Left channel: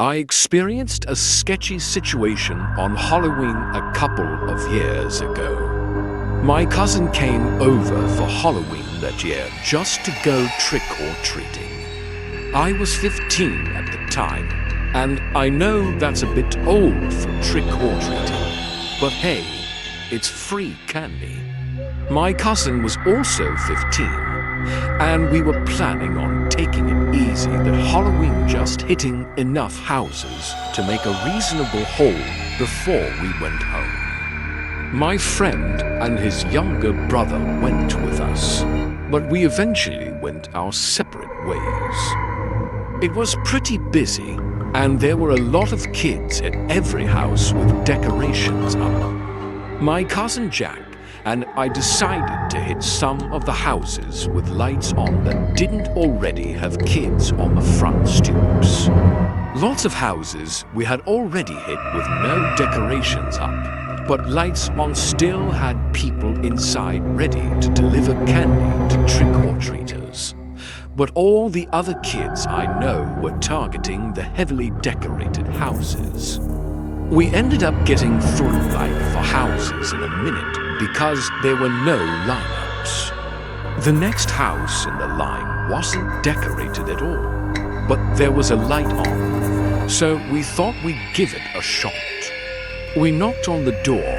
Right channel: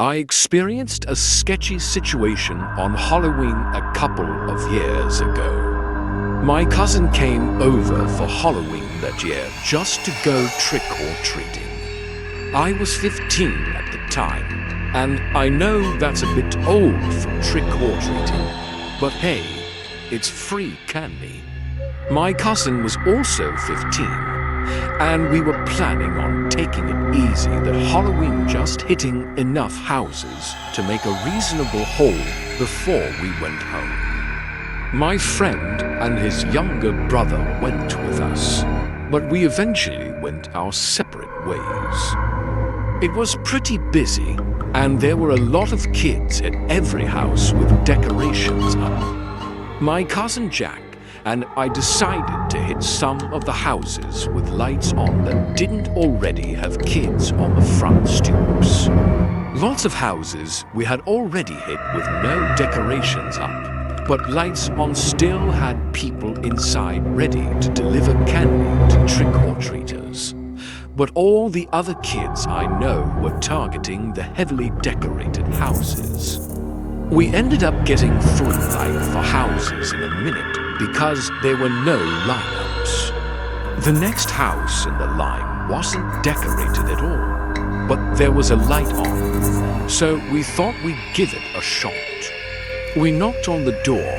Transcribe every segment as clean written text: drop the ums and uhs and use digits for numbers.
I experienced a sketchy situation on Halloween a couple of years ago. My cousin came over for Halloween that year just to go trick-or-treating. I was 15 at the time, and I know that's a bit old for trick-or-treating, but hey, it's free candy. My cousin was also 15, and we were planning on taking it easy that Halloween, just hitting enough houses to make a reasonable haul before we went home. My friend and his younger brother went with us, but we eventually went our separate ways. It was pretty busy, and there were a lot of kids at every house with decorations up. My cousin Jack and I decided to hit some of the houses with lights on that didn't already have kids on the front stoops. Lots of houses we had already hit with no decorations up, but lights on still had people inside ready to deliver candy to trick-or-treaters. But all the other kids I know were targeting the heavily decorated houses. We ended up getting through like 4 houses in a minute because there were no lineups. The next house in the line wasn't decorated at all, but there was a light on, so we thought we'd give it a shot. We knocked on the door,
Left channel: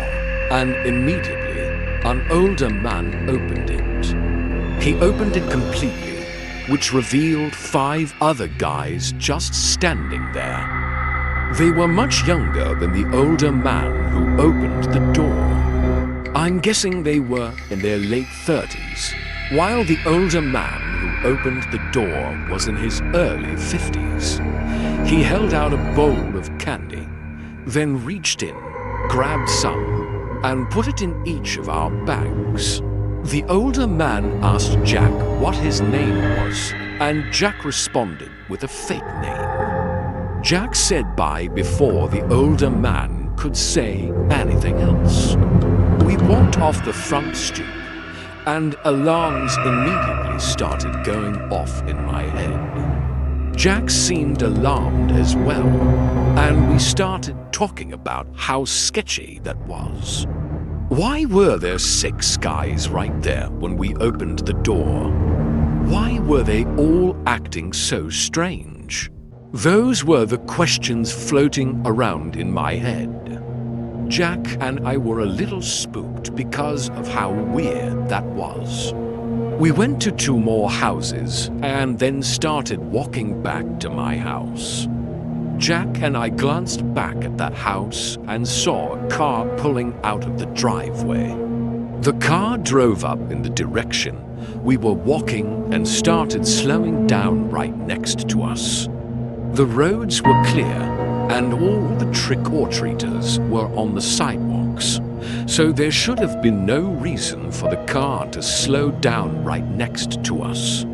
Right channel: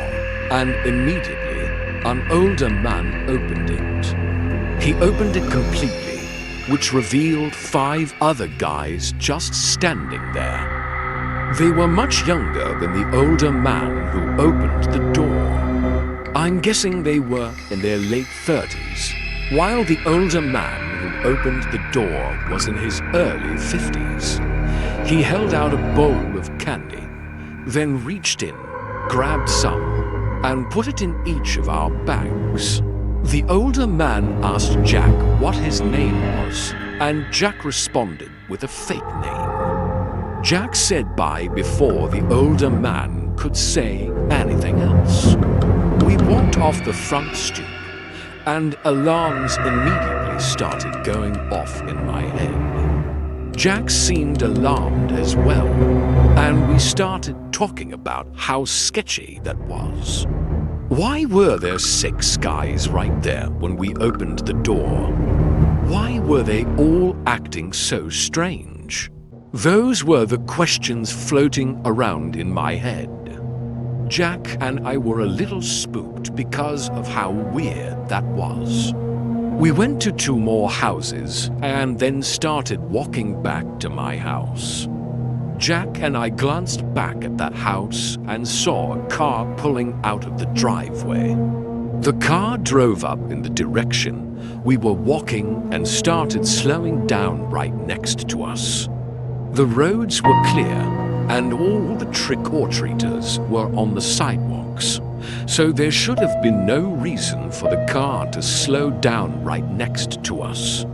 and immediately an older man opened it. He opened it completely, which revealed 5 other guys just standing there. They were much younger than the older man who opened the door. I'm guessing they were in their late 30s, while the older man who opened the door was in his early 50s. He held out a bowl of candy, then reached in, grabbed some, and put it in each of our bags. The older man asked Jack what his name was, and Jack responded with a fake name. Jack said bye before the older man could say anything else. We walked off the front stoop, and alarms immediately started going off in my head. Jack seemed alarmed as well, and we started talking about how sketchy that was. Why were there 6 guys right there when we opened the door? Why were they all acting so strange? Those were the questions floating around in my head. Jack and I were a little spooked because of how weird that was. We went to 2 more houses and then started walking back to my house. Jack and I glanced back at that house and saw a car pulling out of the driveway. The car drove up in the direction we were walking and started slowing down right next to us. The roads were clear, and all the trick-or-treaters were on the sidewalks, so there should have been no reason for the car to slow down right next to us.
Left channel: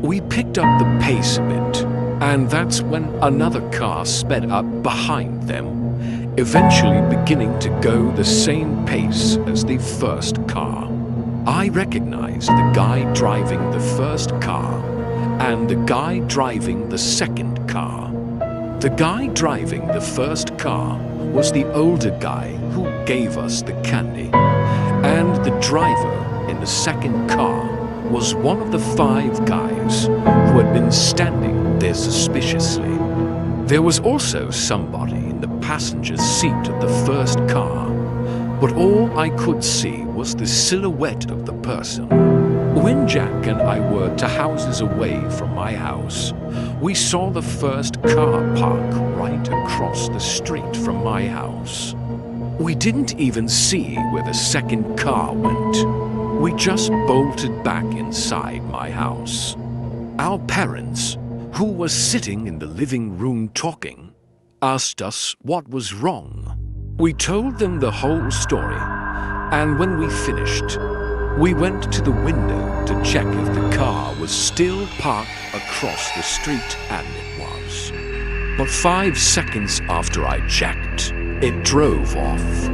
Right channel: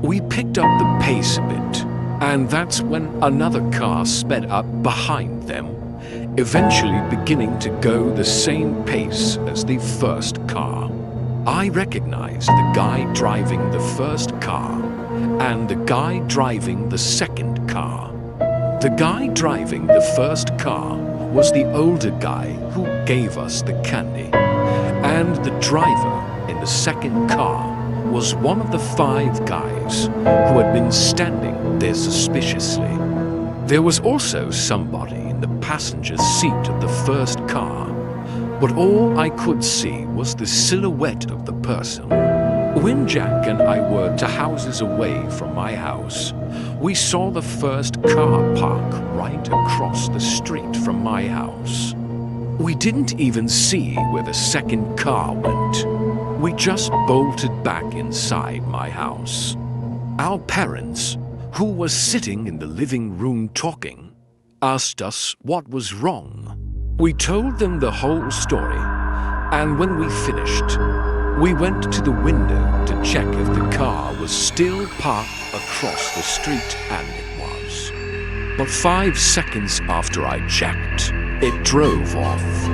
We picked up the pace a bit, and that's when another car sped up behind them, eventually beginning to go the same pace as the first car. I recognized the guy driving the first car and the guy driving the second car. The guy driving the first car was the older guy who gave us the candy, and the driver in the second car was one of the 5 guys who had been standing there suspiciously. There was also somebody in the passenger seat of the first car, but all I could see was the silhouette of the person. When Jack and I were 2 houses away from my house, we saw the first car park right across the street from my house. We didn't even see where the second car went. We just bolted back inside my house. Our parents, who were sitting in the living room talking, asked us what was wrong. We told them the whole story, and when we finished, we went to the window to check if the car was still parked across the street, and it was. But 5 seconds after I checked, it drove off.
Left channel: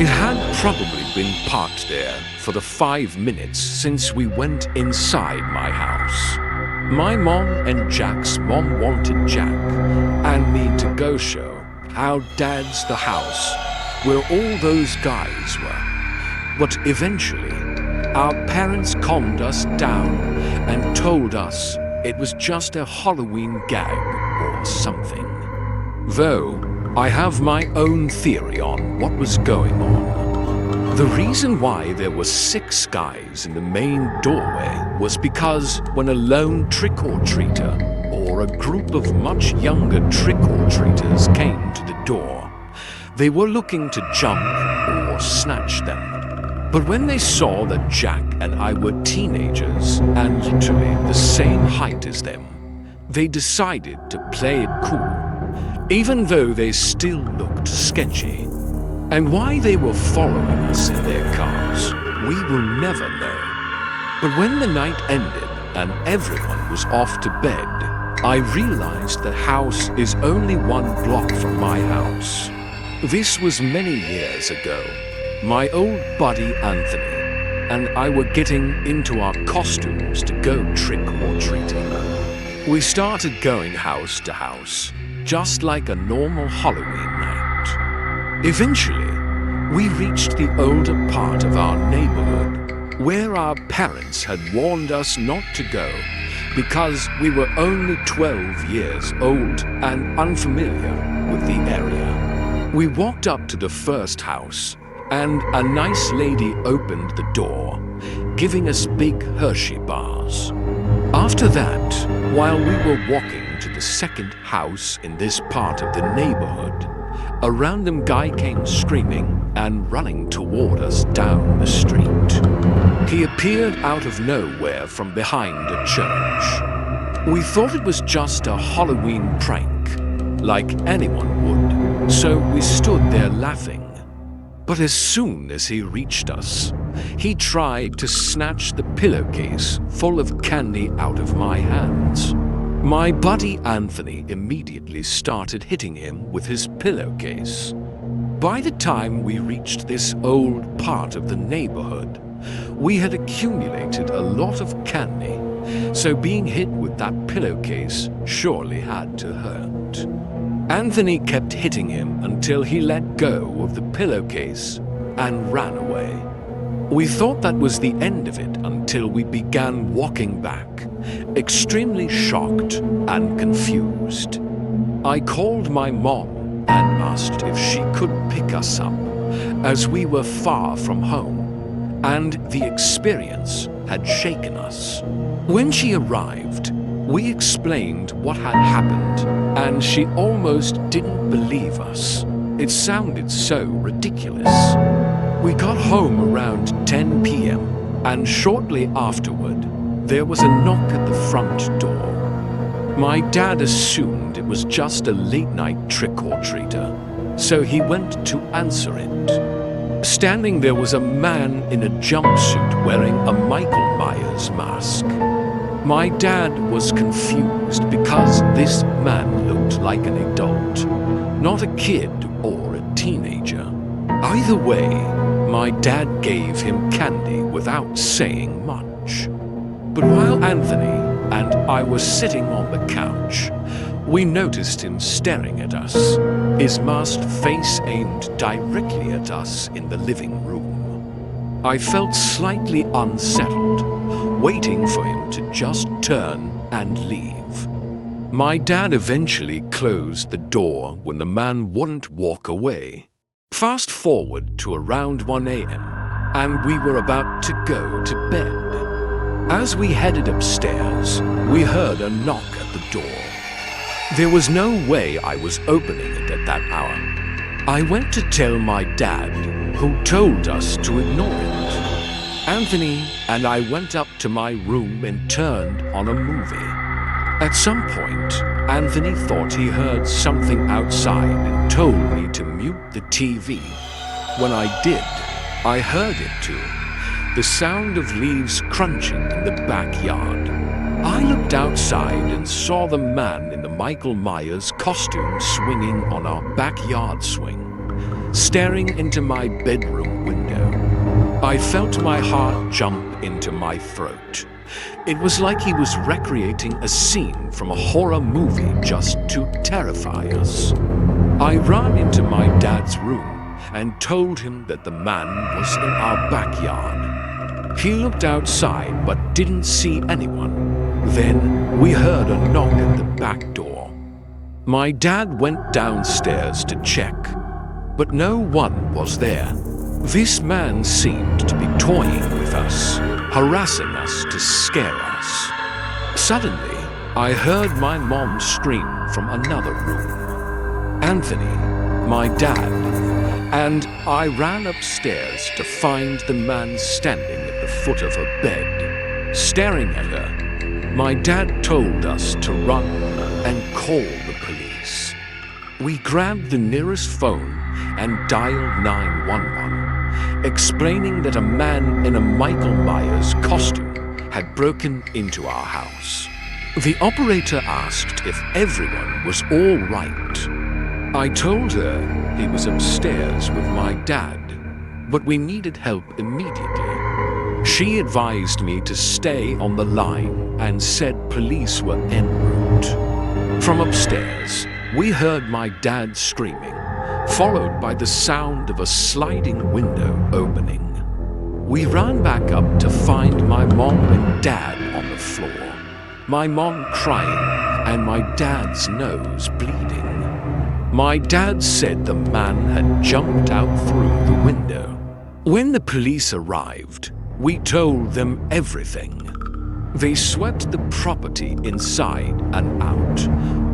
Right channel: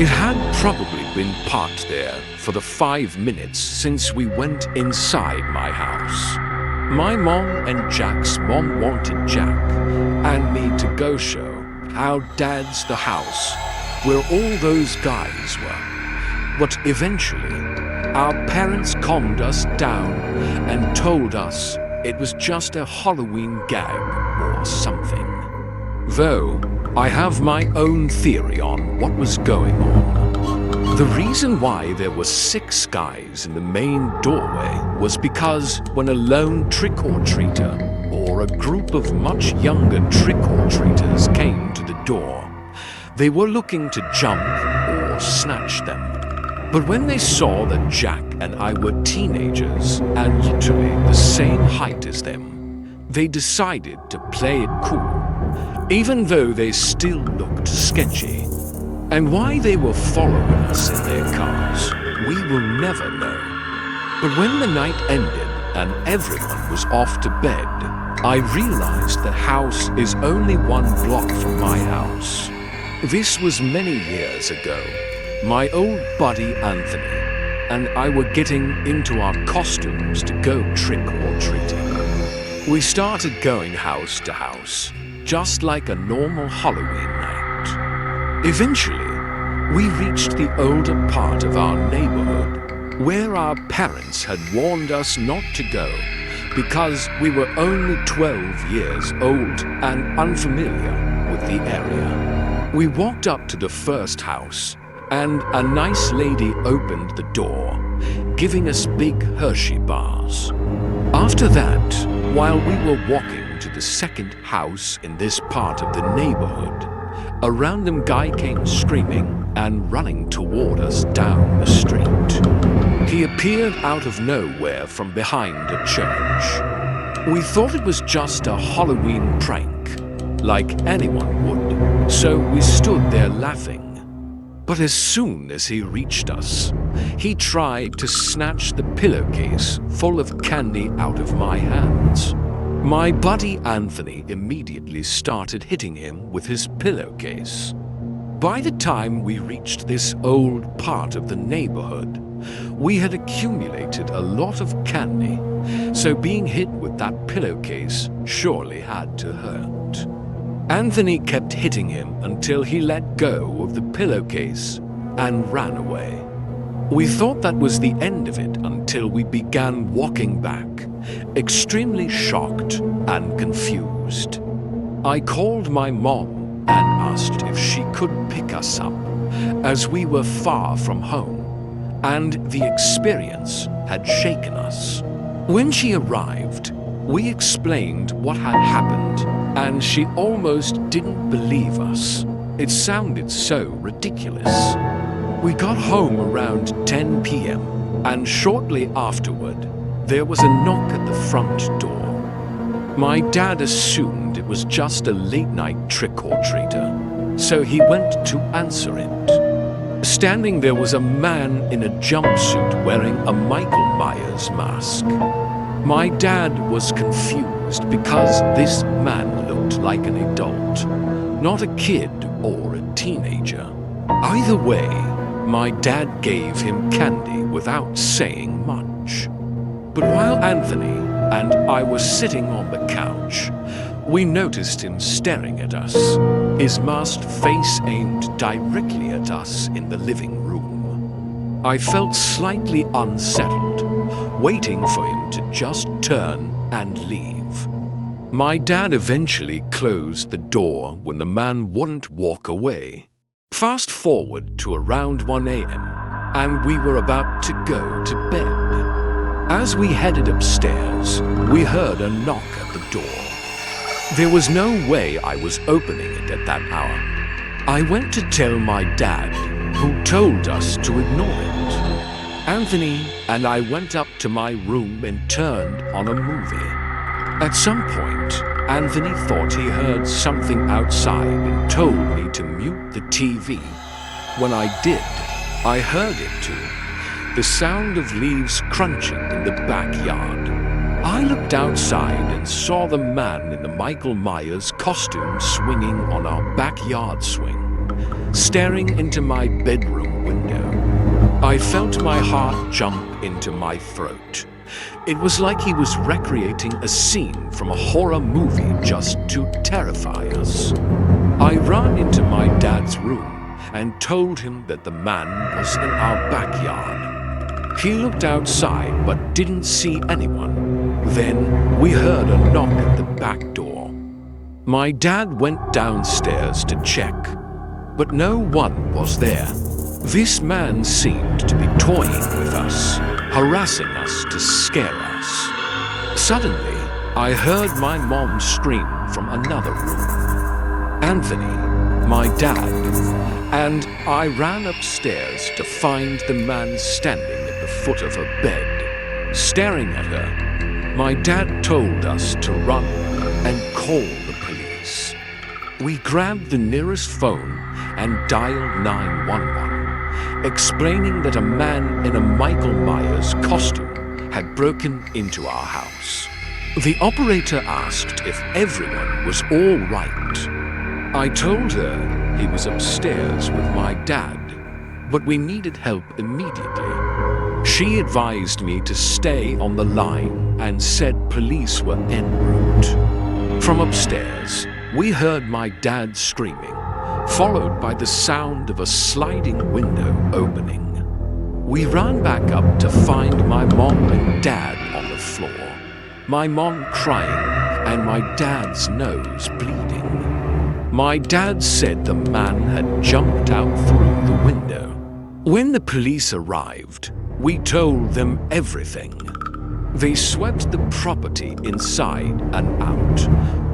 It had probably been parked there for the 5 minutes since we went inside my house. My mom and Jack's mom wanted Jack, and me to go show how Dad's the house where all those guys were. But eventually, our parents calmed us down and told us it was just a Halloween gag or something. Though, I have my own theory on what was going on. The reason why there were 6 guys in the main doorway was because when a lone trick-or-treater or a group of much younger trick-or-treaters came to the door, they were looking to jump or snatch them. But when they saw that Jack and I were teenagers and literally the same height as them, they decided to play it cool, even though they still looked sketchy. And why they were following us in their cars, we will never know. But when the night ended and everyone was off to bed, I realized the house is only 1 block from my house. This was many years ago. My old buddy Anthony and I were getting into our costumes to go trick-or-treating. We started going house to house, just like a normal Halloween night. Eventually, we reached the older part of our neighborhood, where our parents had warned us not to go because we were only 12 years old and unfamiliar with the area. We walked up to the first house, and a nice lady opened the door, giving us big Hershey bars. After that, while we were walking to the second house in this part of the neighborhood, a random guy came screaming and running toward us down the street. He appeared out of nowhere from behind a church. We thought it was just a Halloween prank, like anyone would, so we stood there laughing. But as soon as he reached us, he tried to snatch the pillowcase full of candy out of my hands. My buddy Anthony immediately started hitting him with his pillowcase. By the time we reached this old part of the neighborhood, we had accumulated a lot of candy, so being hit with that pillowcase surely had to hurt. Anthony kept hitting him until he let go of the pillowcase and ran away. We thought that was the end of it until we began walking back, extremely shocked and confused. I called my mom and asked if she could pick us up, as we were far from home, and the experience had shaken us. When she arrived, we explained what had happened, and she almost didn't believe us. It sounded so ridiculous. We got home around 10 p.m., and shortly afterward, there was a knock at the front door. My dad assumed it was just a late-night trick-or-treater, so he went to answer it. Standing there was a man in a jumpsuit wearing a Michael Myers mask. My dad was confused because this man looked like an adult, not a kid or a teenager. Either way, my dad gave him candy without saying much. But while Anthony and I were sitting on the couch, we noticed him staring at us, his masked face aimed directly at us in the living room. I felt slightly unsettled, waiting for him to just turn and leave. My dad eventually closed the door when the man wouldn't walk away. Fast forward to around 1 a.m., and we were about to go to bed. As we headed upstairs, we heard a knock at the door. There was no way I was opening it at that hour. I went to tell my dad, who told us to ignore it. Anthony and I went up to my room and turned on a movie. At some point, Anthony thought he heard something outside and told me to mute the TV. When I did, I heard it too, the sound of leaves crunching in the backyard. I looked outside and saw the man in the Michael Myers costume swinging on our backyard swing, staring into my bedroom window. I felt my heart jump into my throat, It was like he was recreating a scene from a horror movie just to terrify us. I ran into my dad's room and told him that the man was in our backyard. He looked outside but didn't see anyone. Then we heard a knock at the back door. My dad went downstairs to check, but no one was there. This man seemed to be toying with us, harassing us to scare us. Suddenly, I heard my mom scream from another room. Anthony, my dad, and I ran upstairs to find the man standing at the foot of her bed, staring at her. My dad told us to run and call the police. We grabbed the nearest phone and dialed 911, explaining that a man in a Michael Myers costume had broken into our house. The operator asked if everyone was all right. I told her he was upstairs with my dad, but we needed help immediately. She advised me to stay on the line and said police were en route. From upstairs, we heard my dad screaming, followed by the sound of a sliding window opening. We ran back up to find my mom and dad on the floor, my mom crying and my dad's nose bleeding. My dad said the man had jumped out through the window. When the police arrived, we told them everything. They swept the property inside and out,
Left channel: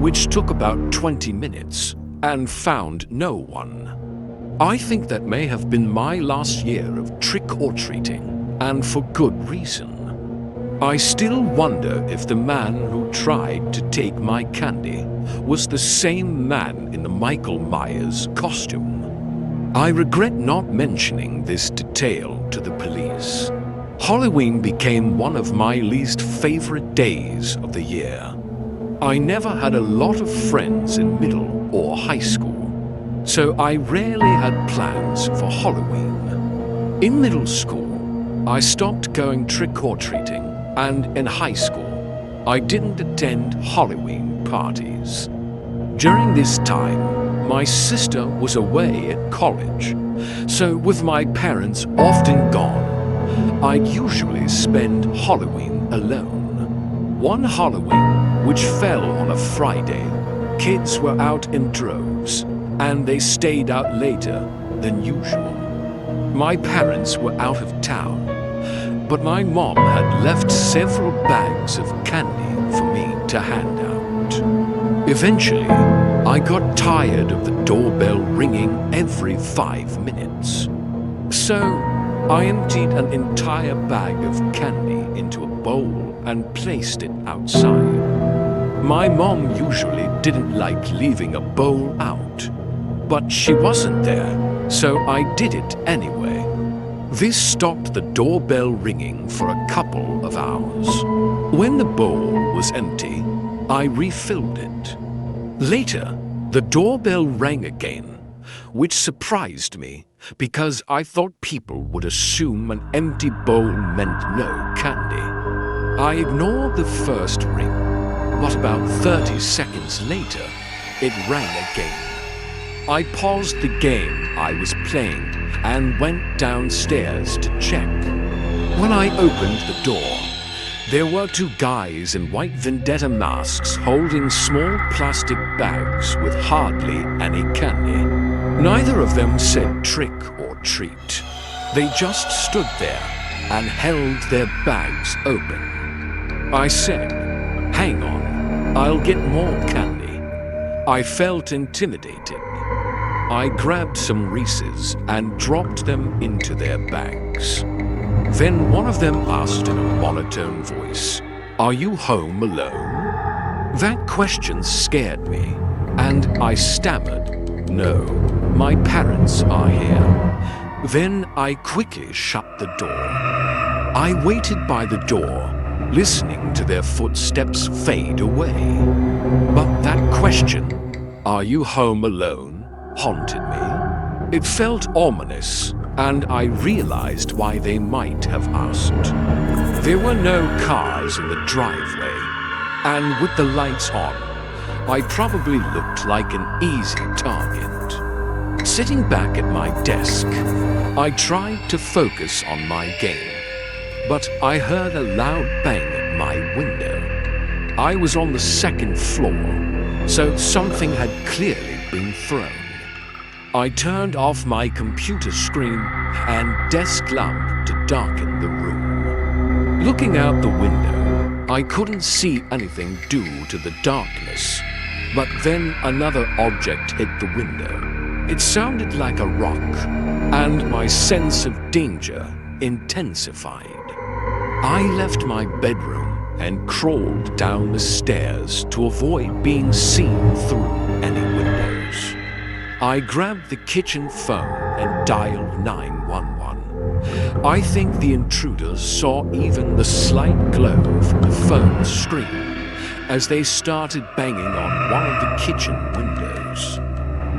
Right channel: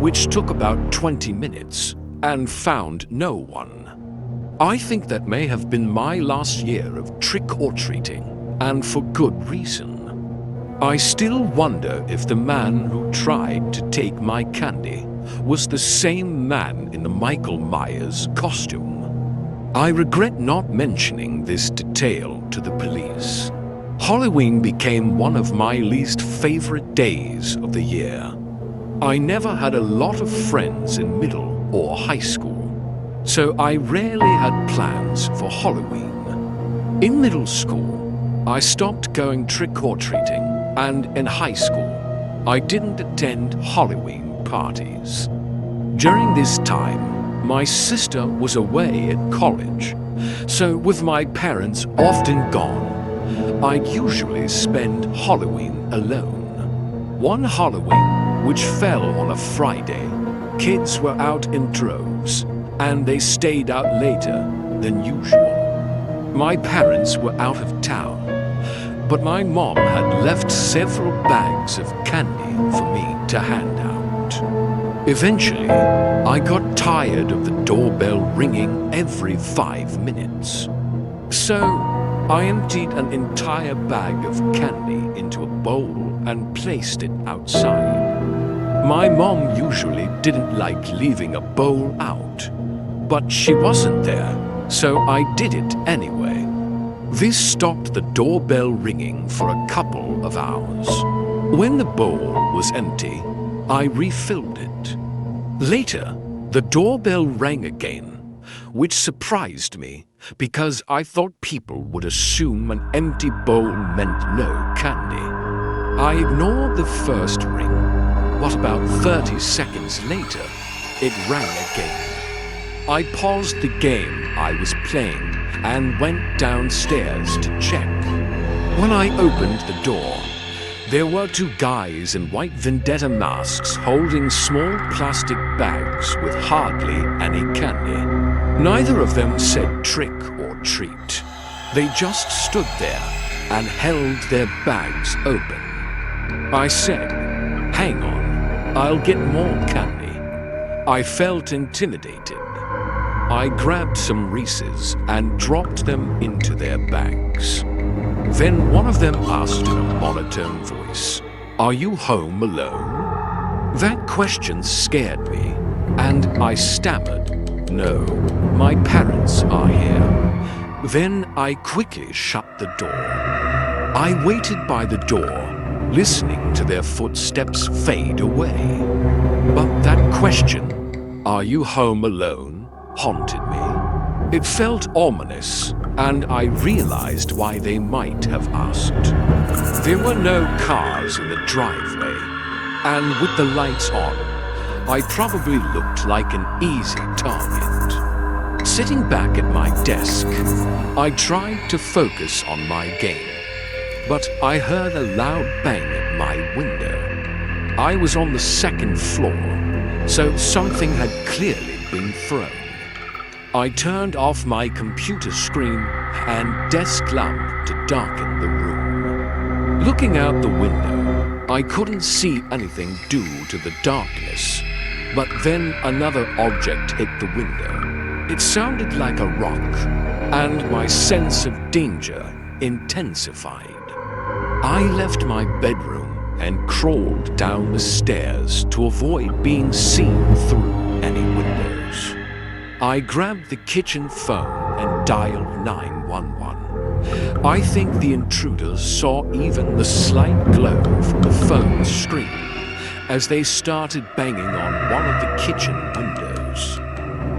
which took about 20 minutes, and found no one. I think that may have been my last year of trick-or-treating, and for good reason. I still wonder if the man who tried to take my candy was the same man in the Michael Myers costume. I regret not mentioning this detail to the police. Halloween became one of my least favorite days of the year. I never had a lot of friends in middle or high school, so I rarely had plans for Halloween. In middle school, I stopped going trick-or-treating, and in high school, I didn't attend Halloween parties. During this time, my sister was away at college, so with my parents often gone, I'd usually spend Halloween alone. One Halloween, which fell on a Friday, kids were out in droves, and they stayed out later than usual. My parents were out of town, but my mom had left several bags of candy for me to hand out. Eventually, I got tired of the doorbell ringing every 5 minutes. So, I emptied an entire bag of candy into a bowl and placed it outside. My mom usually didn't like leaving a bowl out, but she wasn't there, so I did it anyway. This stopped the doorbell ringing for a couple of hours. When the bowl was empty, I refilled it. Later, the doorbell rang again, which surprised me because I thought people would assume an empty bowl meant no candy. I ignored the first ring, but about 30 seconds later, it rang again. I paused the game I was playing and went downstairs to check. When I opened the door, there were two guys in white vendetta masks holding small plastic bags with hardly any candy. Neither of them said trick or treat. They just stood there and held their bags open. I said, "Hang on, I'll get more candy." I felt intimidated. I grabbed some Reese's and dropped them into their bags. Then one of them asked in a monotone voice, "Are you home alone?" That question scared me, and I stammered, "No, my parents are here." Then I quickly shut the door. I waited by the door, listening to their footsteps fade away. But that question, "Are you home alone?" haunted me. It felt ominous, and I realized why they might have asked. There were no cars in the driveway, and with the lights on, I probably looked like an easy target. Sitting back at my desk, I tried to focus on my game, but I heard a loud bang at my window. I was on the second floor, so something had clearly been thrown. I turned off my computer screen and desk lamp to darken the room. Looking out the window, I couldn't see anything due to the darkness, but then another object hit the window. It sounded like a rock, and my sense of danger intensified. I left my bedroom and crawled down the stairs to avoid being seen through any windows. I grabbed the kitchen phone and dialed 911. I think the intruders saw even the slight glow from the phone's screen as they started banging on one of the kitchen windows.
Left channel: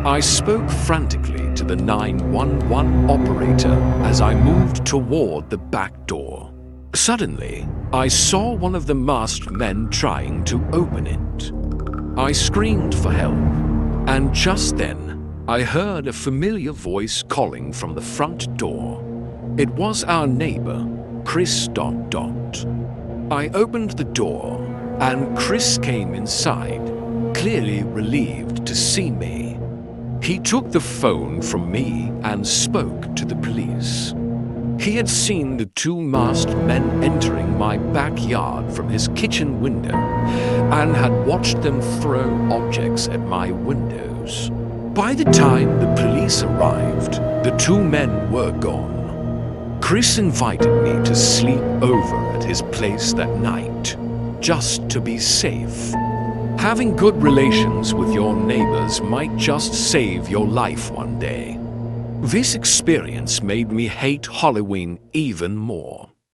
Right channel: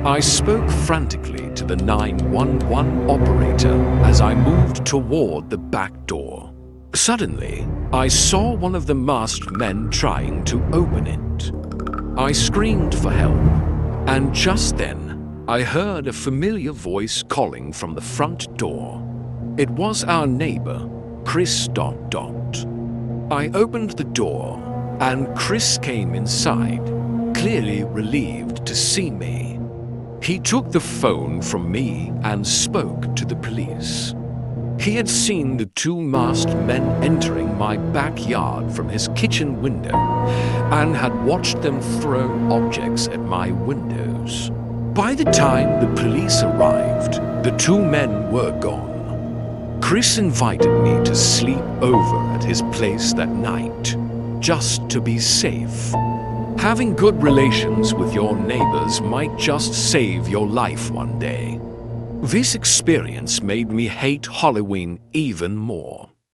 I spoke frantically to the 911 operator as I moved toward the back door. Suddenly, I saw one of the masked men trying to open it. I screamed for help, and just then, I heard a familiar voice calling from the front door. It was our neighbor, Chris ... I opened the door, and Chris came inside, clearly relieved to see me. He took the phone from me and spoke to the police. He had seen the two masked men entering my backyard from his kitchen window and had watched them throw objects at my windows. By the time the police arrived, the two men were gone. Chris invited me to sleep over at his place that night, just to be safe. Having good relations with your neighbors might just save your life one day. This experience made me hate Halloween even more.